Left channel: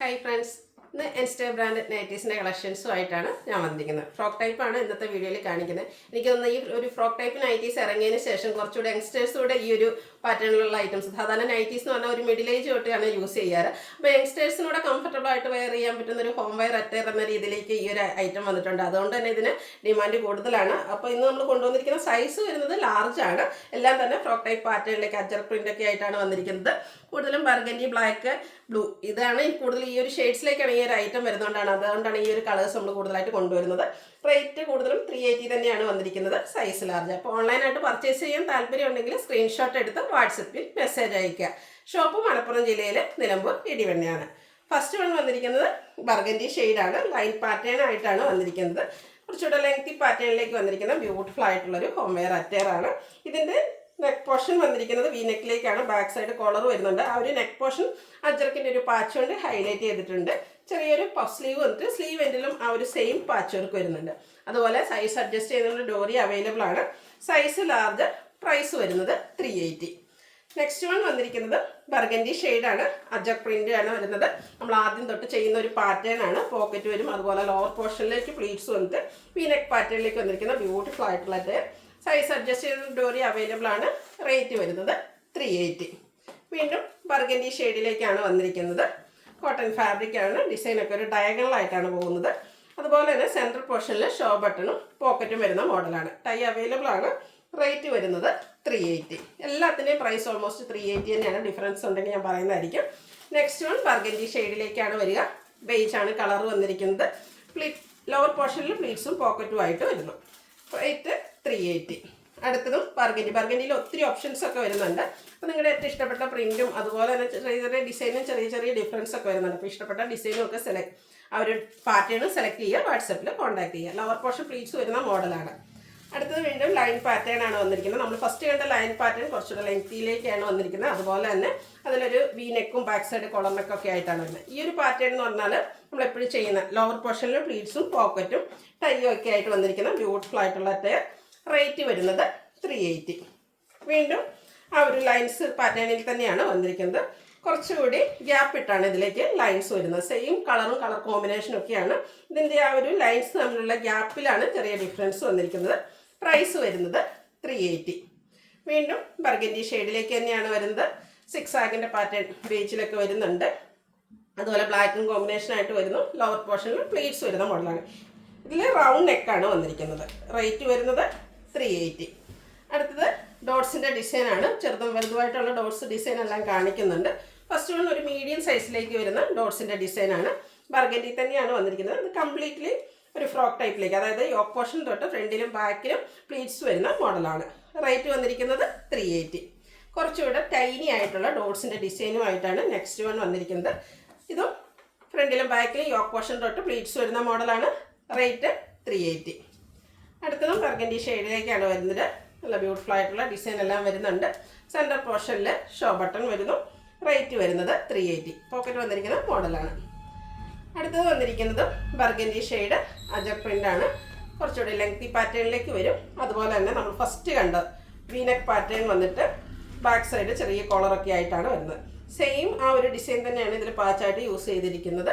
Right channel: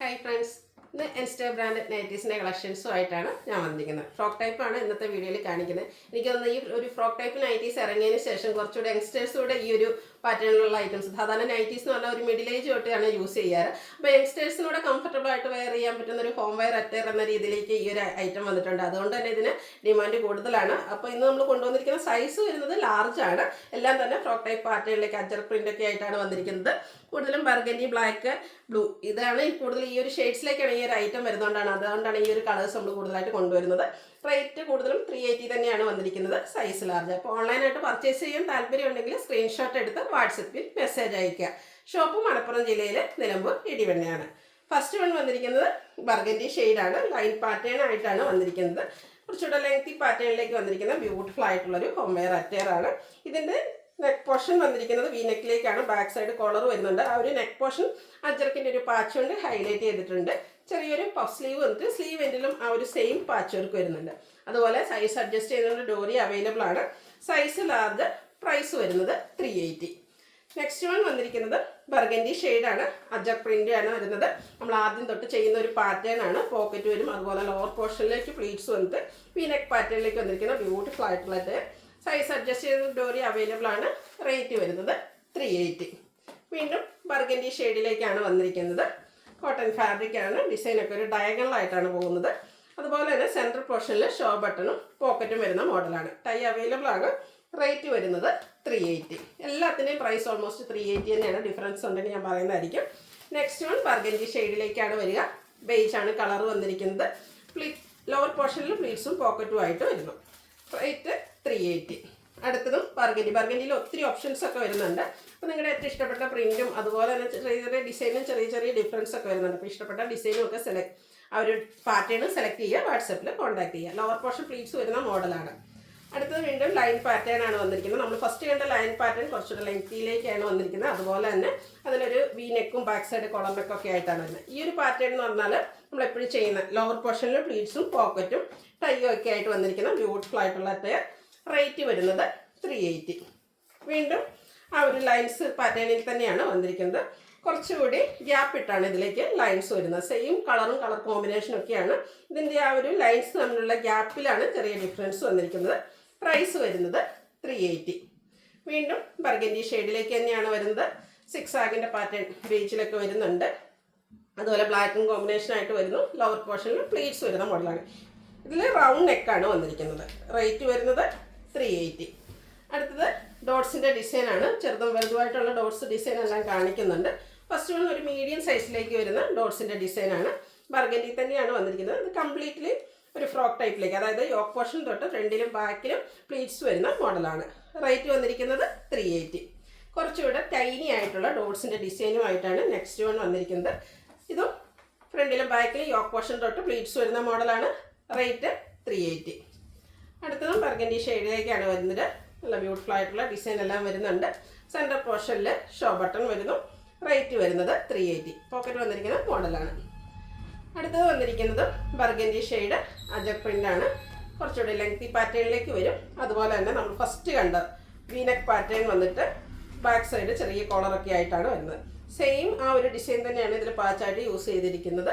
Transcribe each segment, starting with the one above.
Hi friends, ഇന്ന് എൻസ്റ്റേ brand നൈറ്റീസിൻ്റെ കളക്ഷൻസുമായിട്ടാണ് ഞാൻ വന്നിരിക്കുന്നത്. ഫ്രോക്ക് ടൈപ്പാണ് ഇന്നത്തെ വീഡിയോയിൽ കാണിക്കുന്നത്. എനിക്ക് തോന്നുന്നു ഈ ഒരു ഫ്രോക്ക് ടൈപ്പ് നൈറ്റീസ് ഇറങ്ങിയതിന് ശേഷം കുറച്ചുകൂടെ യങ്സ്റ്റേഴ്സൂടെ ഈ ഒരു പാറ്റേണിലുള്ള ഐറ്റംസ്, സാധാരണ നൈറ്റീസ് എന്ന് പറഞ്ഞാൽ ഒരു മിഡിൽ ഏജ് തൊട്ടാണ് യൂസ് ചെയ്യാറ്. അപ്പോൾ യങ്സ്റ്റേഴ്സിനൂടെ കംഫർട്ടബിൾ ആയിട്ട് വെയർ ചെയ്യാൻ പറ്റുന്ന ഒരു ഹോം വെയർ അറ്റയർ എന്ന രീതിയിലേക്ക് ഈ ഒരു ഐറ്റം വന്നിട്ടുണ്ട്. അതുകൊണ്ട് തന്നെ ഇതിന് ഡിമാൻഡ് കൂടുതലാണ്. അപ്പോൾ ഇന്ന് നമ്മൾ കൊണ്ടുവന്നിരിക്കുന്ന സൈസ് വരുന്നത് ലാർജ് ആണ്. എല്ലാം തന്നെ ഫ്രോക്ക് ടൈപ്പ് പാറ്റേണിലേക്ക് അജർ പ്രിൻ്റ് ഒക്കെ ആയിട്ടാണ് വന്നിരിക്കുന്നത്. കൂടുതലും ബർഗൻഡി, ബ്ലാക്ക്, ബ്ലൂ ഇതാണ് കൂടുതൽ ഈ ഒരു ഷെയ്ഡ്സിലേക്കാണ് ഈ ഒരു ഐറ്റം അതുകൊണ്ടാണ് ഈ ഒരു കളേഴ്സ് നമ്മൾ കൂടുതലായിട്ട് കൊണ്ടുവരുന്നത്. റേറ്റ് കൂടുതലും 380 തന്നെയാണ് വന്നിരിക്കുന്നത്, സൈസ് ലാർജ്. അപ്പോൾ ഓൺലൈനായിട്ട് പർച്ചേസ് ചെയ്യാൻ താല്പര്യം ഉണ്ടെങ്കിൽ സ്ക്രീൻഷോട്ട് എടുത്ത് വാട്സപ്പിൽ മെസ്സേജ് അയയ്ക്കുക. ഷോപ്പ് മലപ്പുറം ജില്ലയിലെ നിലമ്പൂർ ഇടിവണ്ണയാണ്. ഫസ്റ്റ് വൺ വന്നിരിക്കുന്നത് ബർഗൻഡി ഷെയ്ഡാണ്. ലൈൻ പാറ്റേൺ ആയിട്ടാണ് വന്നിരിക്കുന്നത്. കുറച്ചുകൂടെ ലെങ്തി പാറ്റേണിലേക്ക് വന്നിരിക്കുന്ന ബ്യൂട്ടിഫുൾ ആയിട്ടുള്ളൊരു ഹോം വെയർ അറ്റയർ ആണ്. ഇതിൻ്റെ നെക്ക് പോർഷൻ വന്നിരിക്കുന്നത് വി നെക്കിലേക്കാണ്. ബാക്ക് സൈഡ് കോളർ വരുന്നുണ്ട്. ആ ഒരു നെക്ക് പോർഷൻ അജർക്കിൻ്റെ ഒരു പാച്ച് കൊണ്ട് ഹൈലൈറ്റ് ചെയ്തിട്ടുണ്ട്. ചെറിയൊരു പഫ് സ്ലീവ് വന്നിട്ട് സ്ലീവ് എൻഡിലും ആ ഒരു സെയിം പാച്ച് വർക്ക് വരുന്നുണ്ട്. അതുപോലെ സൈസ് അഡ്ജസ്റ്റ് ചെയ്യുന്ന ഡോറി അവൈലബിൾ ആണ്. Size large. പ്രൈസ് വരുന്നത് 380. നെക്സ്റ്റ് വൺ വന്നിരിക്കുന്നത് ബർഗൻഡി ഷെയ്ഡാണ്. അജർ പ്രിൻ്റ് ആണ് വരുന്നത്. നമ്മൾ ആദ്യം തൊട്ട് ചെയ്യുന്ന ഒരു പാറ്റേൺ ആണ്. പോക്കറ്റ് വരും. അതുപോലെ ലോവർ പോർഷനിലേക്ക് പ്ലീറ്റ്സ് വന്നിട്ട് വി നെക്ക് പാറ്റേണിലേക്ക് വന്നിരിക്കുന്ന ബ്യൂട്ടിഫുൾ ആയിട്ടുള്ള സൈസ് അഡ്ജസ്റ്റ് ചെയ്ത ഡോറി അവൈലബിൾ ആണ്. റേറ്റ് വരുന്നത് 380. വീണ്ടും ബർഗൻഡി ഷെയ്ഡിലേക്കാണ് വന്നിരിക്കുന്നത്. കോട്ടൺ ഫാബ്രിക് ആണ്. ഡിസൈനൊക്കെ ഒരു ഡയഗണലായിട്ടാണ് പോകുന്നത്. അതുപോലെ തന്നെ സെൻട്രൽ പോർഷനിൽ ഷോ ബട്ടണും പോക്കറ്റും വരുന്ന മോഡലാണ്. ടൈ അവൈലബിൾ ആണ്. റേറ്റ് വരുന്നത് 380. എല്ലാത്തിൻ്റെയും പ്രൈസ് ഓൾമോസ്റ്റ് 380 തന്നെയാണ്. ഡിഫറൻസ് ഉണ്ടെങ്കിൽ ഞാൻ പറയുന്നതായിരിക്കും. നെക്സ്റ്റ് വൺ ബർഗൻഡി ഷെയ്ഡിലേക്കാണ് വരിക. ബേജ് ആണ് കളർ വന്നിരിക്കുന്നത്. ലോവർ പോർഷനിൽ പ്ലീറ്റ്സും പോക്കറ്റും ആയിട്ട് വരുന്നു. റേറ്റ് 380. അടുത്തതും ബർഗൻഡിയിൽ ഒത്തിരി ഓപ്ഷൻസ് ഒക്കെ വരുന്നുണ്ട്. അപ്പോൾ നിങ്ങളുടെ ഏറ്റവും ഇഷ്ടപ്പെട്ട പ്രിൻറ്റും അതുപോലെ തന്നെ ചെറിയ ചെറിയ ഡിസൈനും ചെറിയ ഡിഫറൻസ് ഒക്കെ വരുന്നുണ്ട്. അപ്പോൾ ഇഷ്ടപ്പെട്ട ഡിസൈനും ഒക്കെ ആ ഒരു പാറ്റേൺ സെലക്ട് ചെയ്യുക. വാട്സപ്പിൽ കോൺടാക്ട് ചെയ്യുക. ലോവർ പോർഷൻ പ്ലീറ്റ്സ് വരുന്ന മോഡലാണ്. അടുത്തത് വീണ്ടും ലൈൻ പാറ്റേൺ ആണ് വന്നിരിക്കുന്നത്. നമ്മൾ ഫസ്റ്റ് കണ്ട ലൈൻ പാറ്റേൺ കുറച്ചുകൂടെ ലെങ്തിയിലേക്കാണ് വന്നിരിക്കുന്നത്. അതുപോലെ തന്നെ അതിലൊരു വി നെക്കും ബാക്ക് സൈഡ് കോളർ നെക്കൊക്കെ ആയിട്ടാണ് വരുന്നത്. ഈ ഒരു പാറ്റേൺ എന്ന് പറഞ്ഞാൽ നമ്മളെപ്പോഴും ചെയ്യുന്ന ലോവർ പോർഷനിൽ പ്ലീറ്റ്സും പോക്കറ്റും ടൈയും ഒക്കെ ആയിട്ട് വന്നിരിക്കുന്ന ബ്യൂട്ടിഫുൾ ആയിട്ടുള്ള അറ്റയർ. റേറ്റ് വരുന്നത് 380. വീണ്ടും ആ ഒരു ലൈൻസ് പാറ്റേണിൽ തന്നെയാണ് വന്നിരിക്കുന്നത്. കുറച്ചുകൂടി ഗ്യാപ്പ് ഇട്ടാണ് ഇതിലേക്ക് ലൈൻസ് വരുന്നത്. സെയിം കളറും കളർ കോമ്പിനേഷനും ഒക്കെയാണ്. ഇതിൻ്റെ ആ ഒരു ലൈൻസ് തമ്മിലുള്ള ഗ്യാപ്പിലാണ് ചെറിയ ഡിഫറൻസ് വന്നിരിക്കുന്നത്. പ്രൈസ് വരുന്നത് 380. വീണ്ടും ബർഗൻഡി ഷെയ്ഡിലേക്ക് തന്നെയാണ് വരുന്നത്. സിക്സ് ആഗിൻ്റെ പാറ്റേൺ ബീച്ചിലൊക്കെ വരുന്നുണ്ട്. അതുപോലെ ബ്ലാക്കും കോമ്പിനേഷനായിട്ട് വരുന്നു. ലോവർ പോർഷനിൽ പ്ലീറ്റ്സ് വരുന്ന മോഡലാണ്. ഇതിൽ റൗണ്ട് നെക്കാണ് വന്നിരിക്കുന്നത്. റേറ്റ് വരുന്നത് 380. അടുത്തത് ഡോട്ട്സിൻ്റെ ഡിസൈനാണ്. ചെറുതും വലുതുമായിട്ടുള്ള ഡോട്ട്സ് ഡിസൈൻ എല്ലാം കാണിക്കുന്നുണ്ട്. ഫസ്റ്റ് വൺ ഒരു മീഡിയം സൈസിലേക്ക് വരുന്ന ഡോട്ട്സിൻ്റെ ഡിസൈനാണ്. ബർഗൻഡി തന്നെയാണ് വന്നിരിക്കുന്നത്. ഇത് കംപ്ലീറ്റ്ലി ഒരു ഫ്രോക്ക് ടൈപ്പിലേക്ക്, അതായത് യോക്ക് പോർഷൻ തൊട്ട് ഫ്രണ്ടിലും ബാക്കിലും പ്ലീറ്റ്സ് വരുന്ന മോഡലാണ്. റേറ്റ് വന്നിരിക്കുന്നത് 380. കുറച്ചുകൂടെ ടൈനി ആയിട്ടുള്ള ഡോട്ട്സിൻ്റെ ഡിസൈനുമായിട്ടാണ് നെക്സ്റ്റ് വൺ വന്നിരിക്കുന്നത്. ഇതും ഫ്രണ്ടിലും ബാക്കിലും യോക്ക് പോർഷൻ തൊട്ട് പ്ലീറ്റ്സ് വരുന്ന മോഡലാണ്. റേറ്റ് 380. അടുത്തതും ബർഗൻഡി ഷെയ്ഡിലേക്കാണ് വരുന്നത്. നല്ല ബ്യൂട്ടിഫുൾ ആയിട്ടുള്ള ഡിസൈൻ എല്ലാം വരുന്നുണ്ട്. സെൻറ്റർ പോർഷനിൽ ഷോ ബട്ടൺ വരുന്നു. റേറ്റ് വരുന്നത് 380. പോക്കറ്റ് വന്നിരിക്കുന്ന മോഡലാണ്. അടുത്തത് വന്നിരിക്കുന്നത് ബർഗൻഡി ഷെയ്ഡ് അജർ പ്രിൻ്റാണ്. കുറച്ചുകൂടി ലെങ്തി പാറ്റേണിലേക്ക് വരും. അതുപോലെ തന്നെ നമ്മൾ ഫസ്റ്റ് കണ്ട വീനെക്ക് പാറ്റേൺ വന്നിട്ട് ബാക്ക് സൈഡ് ചെറിയ കോളറൊക്കെ ആയിട്ടാണ് വരുന്നത്. സെയിം ആ ഒരു ഡിസൈൻ തന്നെയാണ് ഇതിൽ പാച്ചായിട്ട് യൂസ് ചെയ്തിരിക്കുന്നത്.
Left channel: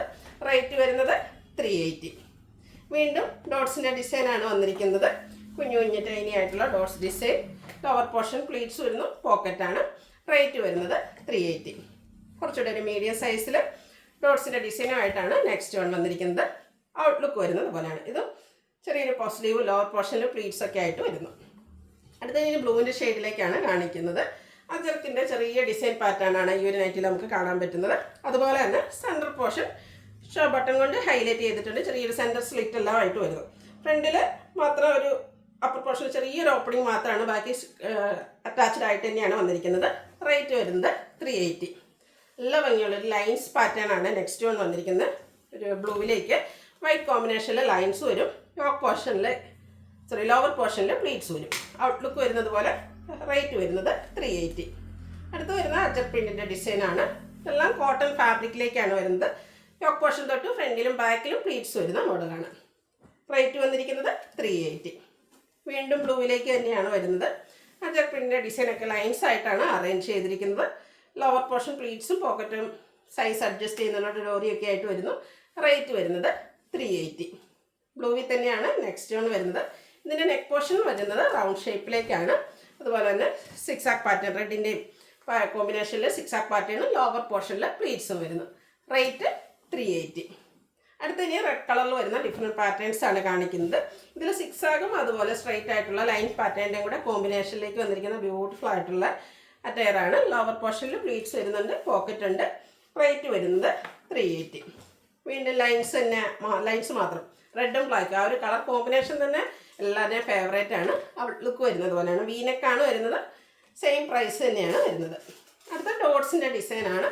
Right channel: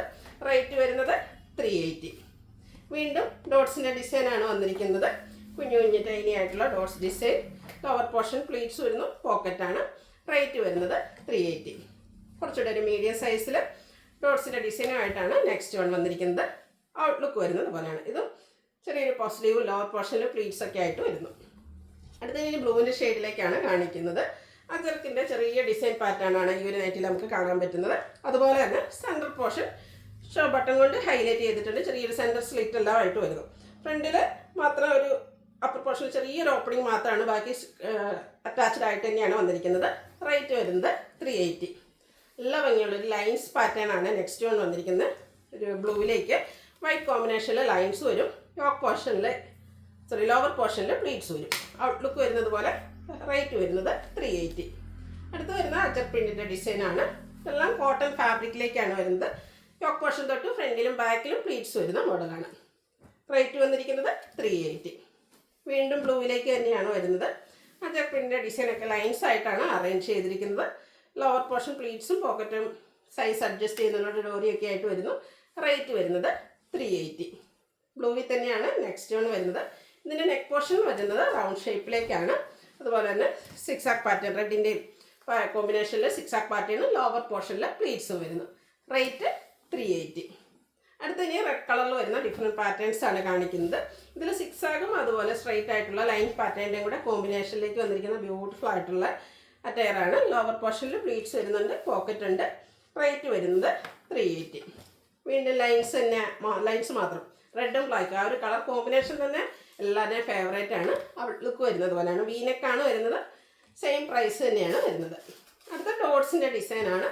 റേറ്റ് വരുന്നത് 380. വീണ്ടും ഡോട്ട്സിൻ്റെ ഡിസൈനാണ് വന്നിരിക്കുന്നത്. കുഞ്ഞു കുഞ്ഞു ടൈനി ആയിട്ടുള്ള dots design. Lower portion pleats വരുന്നു. പോക്കറ്റാണ്. റേറ്റ് വരുന്നത് 380. കുറച്ചുകൂടെ ഒരു മീഡിയം സൈസിൽ ഡോട്ട്സിൻ്റെ ഡിസൈനുമായിട്ടാണ് നെക്സ്റ്റ് വൺ വന്നിരിക്കുന്നത്. ഔട്ട്ലുക്ക് വരുന്നത് പോലെയാണ്. ഇതും ചെറിയൊരു പഫ് സ്ലീവ്, ലോവർ പോർഷനിൽ പ്ലീറ്റ്സ് ഒക്കെ ആയിട്ട് വരുന്നു. അടുത്ത ബ്ലൂവിൻ്റെ ഷെയ്ഡിലേക്കാണ് കാണിക്കുന്നത്. അജർക്കിൻ്റെ ചെറിയ ഡിസൈൻ പാറ്റേണാണ് ഈ ഒരു നൈറ്റിൽ നമുക്ക് കാണാൻ പറ്റുന്നത്. അതുപോലെ തന്നെ സെൻട്രൽ പോർഷൻ ഷോ ബട്ടൺ കൊണ്ട് ഹൈലൈറ്റ് ചെയ്തിട്ടുണ്ട്. ചെറിയൊരു സെൻറ്റർ സ്ലിറ്റ് എല്ലാം ആയിട്ട് വരുന്നു. ഫ്രണ്ടിൽ മാത്രം ഒരു അപ്പർ പോർഷൻ ചെറിയൊരു ഓപ്പണിംഗ് മാത്രമാണ്. ബാക്കി അറ്റാച്ച്ഡ് ആയിട്ട് തന്നെയാണ് വന്നിരിക്കുന്നത്. റേറ്റ് വരുന്നത് 380. നല്ല ഭംഗിയുള്ള ഒരു ലൈൻസ് പാറ്റേൺ ആണ് നെക്സ്റ്റ് വൺ വന്നിരിക്കുന്നത്. ഒരു ബ്ലൂവിലേക്ക് വൈറ്റ് കോമ്പിനേഷനിൽ ലൈൻസ് വരും. ലോവർ പോർഷനിൽ പ്ലീറ്റ്സ് വരും. ഔട്ട്ലുക്ക് വരുന്നത് പോലെ. റേറ്റ് വരുന്നത് 380. അടുത്ത് വരുന്ന അജർ പ്രിൻറ്റിൻ്റെ ഡിസൈനാണ്. എല്ലാം കോട്ടൺ ഫാബ്രിക്കിലേക്കാണ് വരുന്നത്. യോക്ക് പോർഷൻ തൊട്ട് ഫ്രണ്ടിലും ബാക്കിലും പ്ലീറ്റ്സ് വരുന്ന മോഡലാണ്. റേറ്റ് വന്നിരിക്കുന്നത് 380. വീണ്ടും ബ്ലൂവിലേക്ക് തന്നെയാണ് വരുന്നത്. അജർ പ്രിൻറ്റിൻ്റെ ഡിസൈനൊക്കെ ലൈൻസ് ആയിട്ടാണ് അറേഞ്ച് ചെയ്തിരിക്കുന്നത്. ലോവർ പോർഷൻ പ്ലീറ്റ്സും പോക്കറ്റും സൈസ് അഡ്ജസ്റ്റ് ചെയ്യുന്നതിനോട് ഡോറിയൊക്കെ ആയിട്ട് വരുന്നു. റേറ്റ് വരുന്നത് 380. ബ്ലൂവിൽ തന്നെയാണ് നെക്സ്റ്റ് വൺ വരുന്നത്. ഇതിൻ്റെ നെക്ക് പോർഷൻ വരുന്നത് റൗണ്ട് ഷേപ്പിലേക്കാണ്. അതുപോലെ തന്നെ സിക്സാക് പാറ്റേൺ, റെഡിൻ്റെയും കോമ്പിനേഷനിൽ സിക്സാക് പാറ്റേണും ലോവർ പോർഷനിൽ പ്ലീറ്റ്സും വരുന്നു. റേറ്റ് 380. അടുത്ത ഇനി റെഡ് കളറിൽ വരുന്ന ഡിഫറെൻറ്റ് പാറ്റേൺസ് ആണ് കാണിക്കുന്നത്. ഇതിൽ സിക്സാഗും അതുപോലെ സ്ട്രൈറ്റ് ആയിട്ടുള്ള ലൈൻ പാറ്റേണിൻ്റെയും കൂടെ കോമ്പിനേഷനിലേക്ക് വന്നിരിക്കുന്ന ബ്യൂട്ടിഫുൾ ആയിട്ടുള്ള അറ്റയറാണ്. ലോവർ പോർഷനിൽ പ്ലീറ്റ്സ് വരുന്നുണ്ട്, പോക്കറ്റ് ഉണ്ട്. റേറ്റ് വരുന്നത് 380. വീണ്ടും ലൈൻസ് മാത്രം റെഡും ബ്ലാക്ക്, ആ ഒരു കളർ കോമ്പിനേഷൻ തന്നെ എല്ലാവരുടെയും ഫേവറേറ്റ് ആണ്. ലുക്ക് വരുന്നത് പോലെയാണ്. വീനെക്കാണ് വരുന്നത്. സെയിം പ്രൈസ് തന്നെയാണ് വരുന്നത്. അടുത്ത ഡോട്ട്സിൻ്റെ ഡിസൈനാണ്.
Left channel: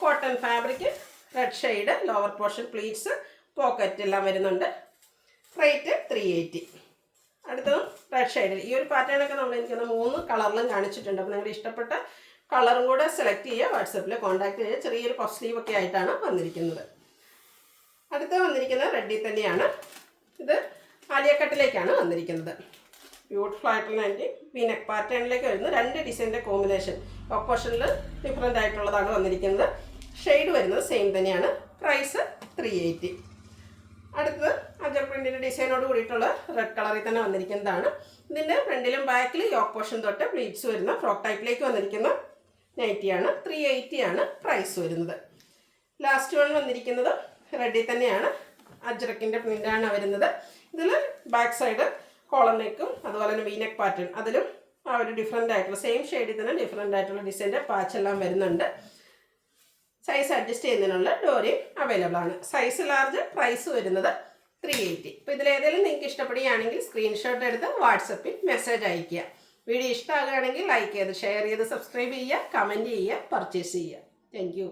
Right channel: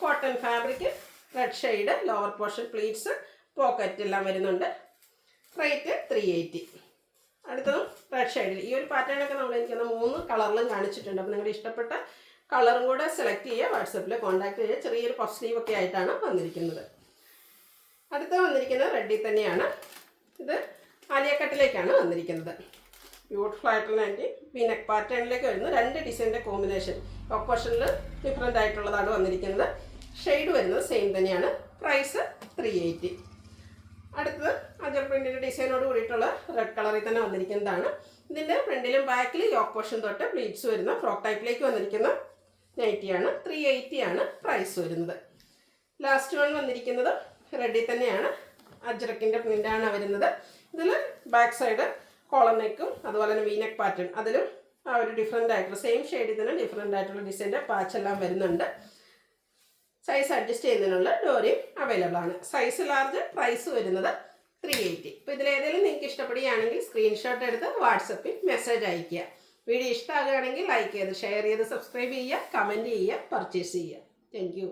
Cotton fabric, red shade, lower portion pleats, pocket എല്ലാം വരുന്നുണ്ട്. റേറ്റ് 380. അടുത്തതും റെഡ് ഷെയ്ഡിൽ ഈ ഒരു പാറ്റേണൊക്കെ നമ്മൾ എനിക്കൊന്ന് 3 കളറിലും കാണിച്ചിട്ടുണ്ട്. അപ്പോൾ നിങ്ങളുടെ ഇഷ്ടപ്പെട്ട കളറും കൂടെ സെലക്ട് ചെയ്യുക, വാട്സപ്പിൽ കോൺടാക്ട് ചെയ്യുക. ചെറിയൊരു പഫ് സ്ലീവ് ഒക്കെ ആയിട്ടാണ് വന്നിരിക്കുന്നത്. അടുത്ത വന്നിരിക്കുന്നത് റെഡിൽ തന്നെയാണ്. ഇത് ആലിയക്കട്ടിലേക്കാണ് വന്നിരിക്കുന്നത്. ബ്യൂട്ടിഫുൾ ആയിട്ടുള്ള നൈറ്റി വീനെക്ക് പാറ്റേണിലേക്ക് വരുന്നു. 2 ഡിസൈൻ്റെ കോമ്പിനേഷൻ, ഓപ്പോഷനിൽ ഡിഫറെൻ്റ് ആയിട്ടുള്ളതാണ് വന്നിരിക്കുന്നത്. ഷെയ്ഡ് വരുന്നത് സെയിം തന്നെയാണ്. പ്രൈസ് 380. അടുത്തത് അജർ പ്രിൻറ്റിൻ്റെ ഡിസൈനോട് കൂടിയിട്ടുള്ള റെഡ് കളറിൽ തന്നെ വന്നിരിക്കുന്നതാണ്. ഇതിൻ്റെ ഫ്രണ്ടിലും ബാക്കിൽ യോക്ക് പോർഷൻ തൊട്ട് പ്ലീറ്റ്സ് വരുന്ന ഫ്രോക്ക് ടൈപ്പിലേക്ക് വന്നിരിക്കുന്ന നൈറ്റിയാണ്. 380 ആണ് പ്രൈസ് വരുന്നത്. ലാസ്റ്റ് വൺ വന്നിരിക്കുന്നത് റെഡിൽ തന്നെയാണ്. അജ്രക്കിൻ്റെ പ്രിൻ്റാണ് വരുന്നത്. ഇതിൽ ബാക്ക് സൈഡ് കോളർ നെക്കും അതുപോലെ തന്നെ വീനെക്ക് പാറ്റേൺ, അതിലും ആ ഒരു ഡിഫറെൻ്റ് ആയിട്ടുള്ള സെയിം ഷെയ്ഡിൽ തന്നെ ഡിഫറെൻ്റ് ആയിട്ടുള്ള ഡിസൈൻ്റെ പാച്ചെല്ലാം വരുന്നുണ്ട്. സൈസ് അഡ്ജസ്റ്റ് ചെയ്യുന്നതിനുള്ള ഡോറിയും അവൈലബിൾ ആണ്. സൈസ് ലാർജ്, പ്രൈസ് വരുന്നത് 380. ഇപ്പോൾ ഇതിലേതെങ്കിലും നിങ്ങൾക്ക് ഇഷ്ടപ്പെടുകയാണെങ്കിൽ സ്ക്രീൻഷോട്ട് എടുത്ത് വാട്സപ്പിൽ മെസ്സേജ് അയയ്ക്കുക. വീഡിയോ ഇഷ്ടമാകുകയാണെങ്കിൽ ലൈക്ക് ചെയ്ത് ഷെയർ ചെയ്ത് സബ്സ്ക്രൈബ് ചെയ്യുക, കമൻറ്റ് ചെയ്യുക, പർച്ചേസ് ചെയ്യുക. Thank you.